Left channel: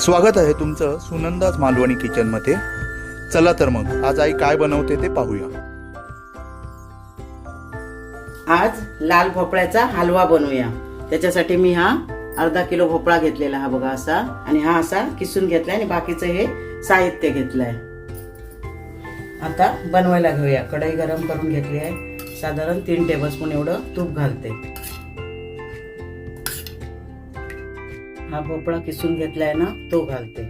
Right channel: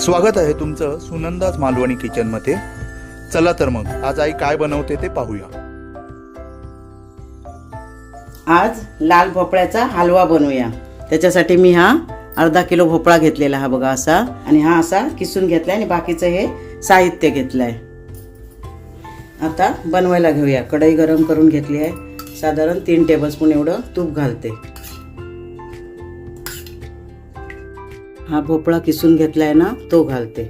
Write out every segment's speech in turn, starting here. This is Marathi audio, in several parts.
स्वागत आहे तुमचं सुनंदाज मालवणी किचनमध्ये चला तर मग आज आई काय बनवते ते पाहूया. आज लाल भोपळ्याचा हलवा बनवूया. त्याच्यासाठी मी हा अर्धा किलो भोपळा घेतलेला हा बघा असा. आणि हा असा किसून घेतलाय आणि बाकीचं हे साहित्य घेतलंय. आता बनवायला घेऊया. कढई गरम करून घेतली आहे. साधारण तीन टेबलस्पून एवढं तूप घालते. हा भोपळा किसून घेतलाय ना तो घालते.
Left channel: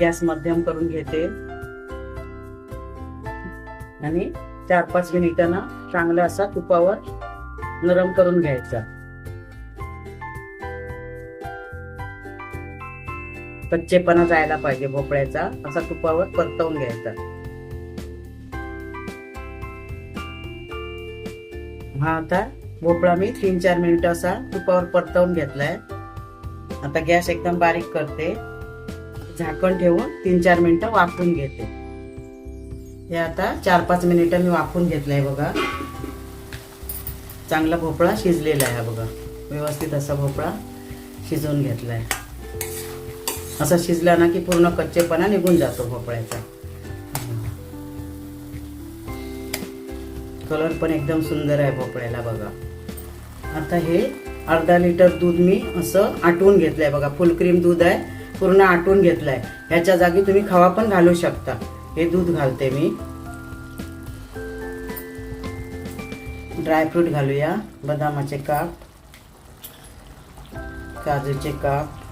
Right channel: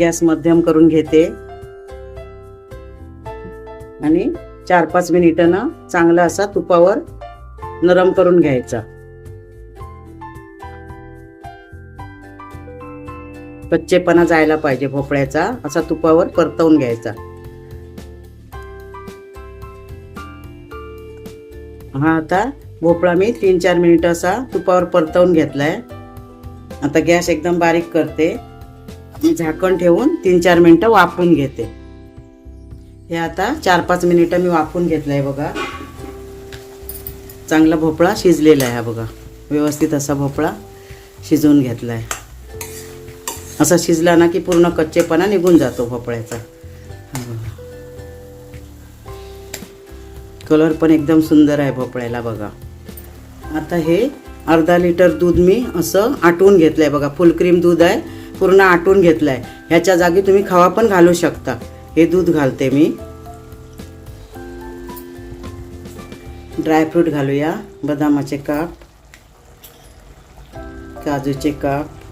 गॅस मध्यम करून घेते. आणि चार पाच मिनिटं ना चांगला असा तुपावर नरम करून घ्यायचा. कच्चेपणा जायला पाहिजे भोपळ्याचा असा तुपावर परतवून घ्यायचा. हा आता भोपळा मी तीन चार मिनिटं असा तुपावर परतवून घेतलाय. आता गॅस एकदम बारीक करते. झाकण ठेवून तीन चार मिनिटं वाफून घेते. हे आता चार पाच मिनिटं मी वाफवून घेतलंय बघा. चांगला भोपळा शिजलेला आहे हा बघा. व्यवस्थित असा भोपळा शिजवून घेतलाय. असा शिजला ना की पूर्ण कच्चेपणा निघून जातो भोपळ्याचा. कलर पण एकदम सुंदर आहे भोपळ्याला बघा. आता हे अर्धा लिटर दूध मी असं आटवून घेतलंय बघा. फुल क्रीम दूध आहे पूर्ण आटून घेतलंय. ह्याच्या जागी तुम्ही खवा पण घालू शकता. हे दूध घालते मी. ड्रायफ्रूट घालूया. बदामाचे काप काजूचे काप.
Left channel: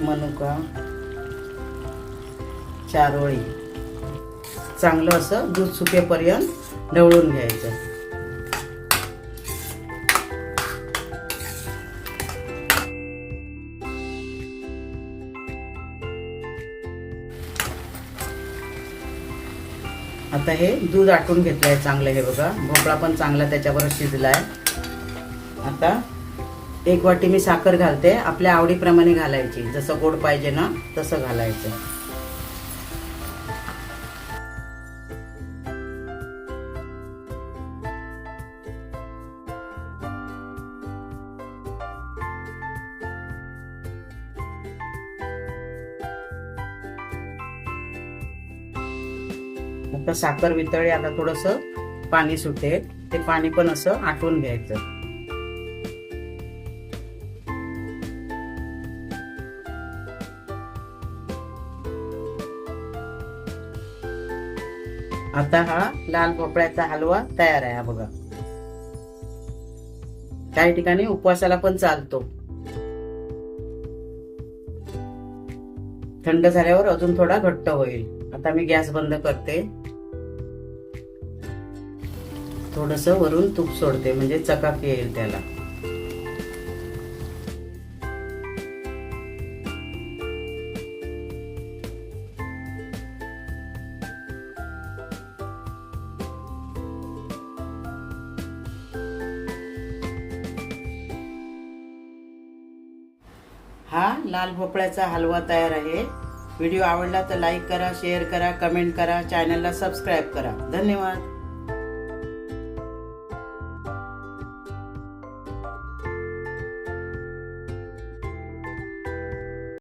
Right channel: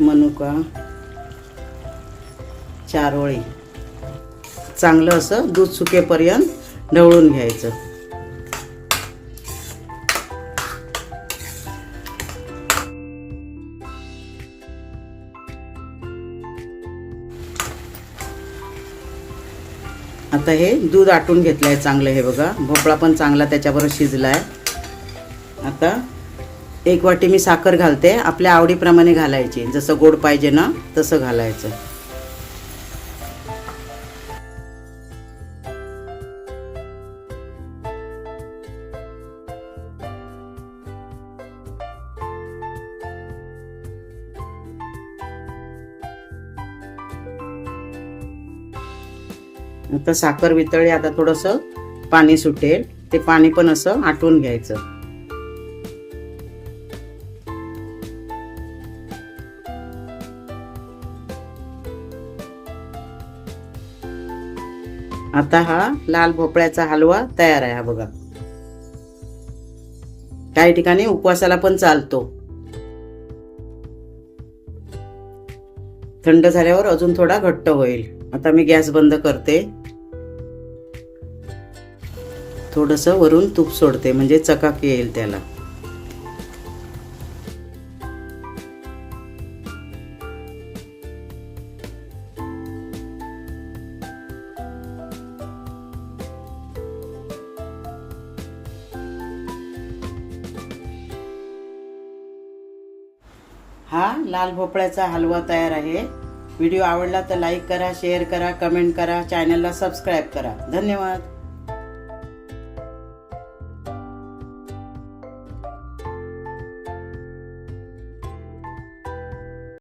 मनुका चारोळी. चांगलं असं दूध सुकेपर्यंत ढवळून घ्यायचं. आता हे दूध आटून घेतलंय चांगलं हे बघा. भोपळा पण चांगला त्याच्याबरोबर शिजलाय. आता एक वाटी मी साखर घालते. आपल्या आवडीप्रमाणे घालायची. जसं गोड पाहिजे ना तसं घालायचं. आता साखर वितळी आता थोडस पाणी सुटेल. ते पाणी पण असं आटवून घ्यायचं. आता हा लाल भोपळ्याचा हलवा तयार आहे हा बघा. काही ठिकाणी उपवासाला पण चालतो. थंड झाल्यावर अजून थोडा घट्ट होईल. आता मी गॅस बंद करते. थोडस वरून तूप सोडते म्हणजे चकाकी येईल त्याला. हा लाल भोपळ्याचा हलवा तयार आहे. व्हिडिओ आवडला तर लाईक करा शेअर करा कमेंट करा चॅनलला सबस्क्राईब करा. धन्यवाद.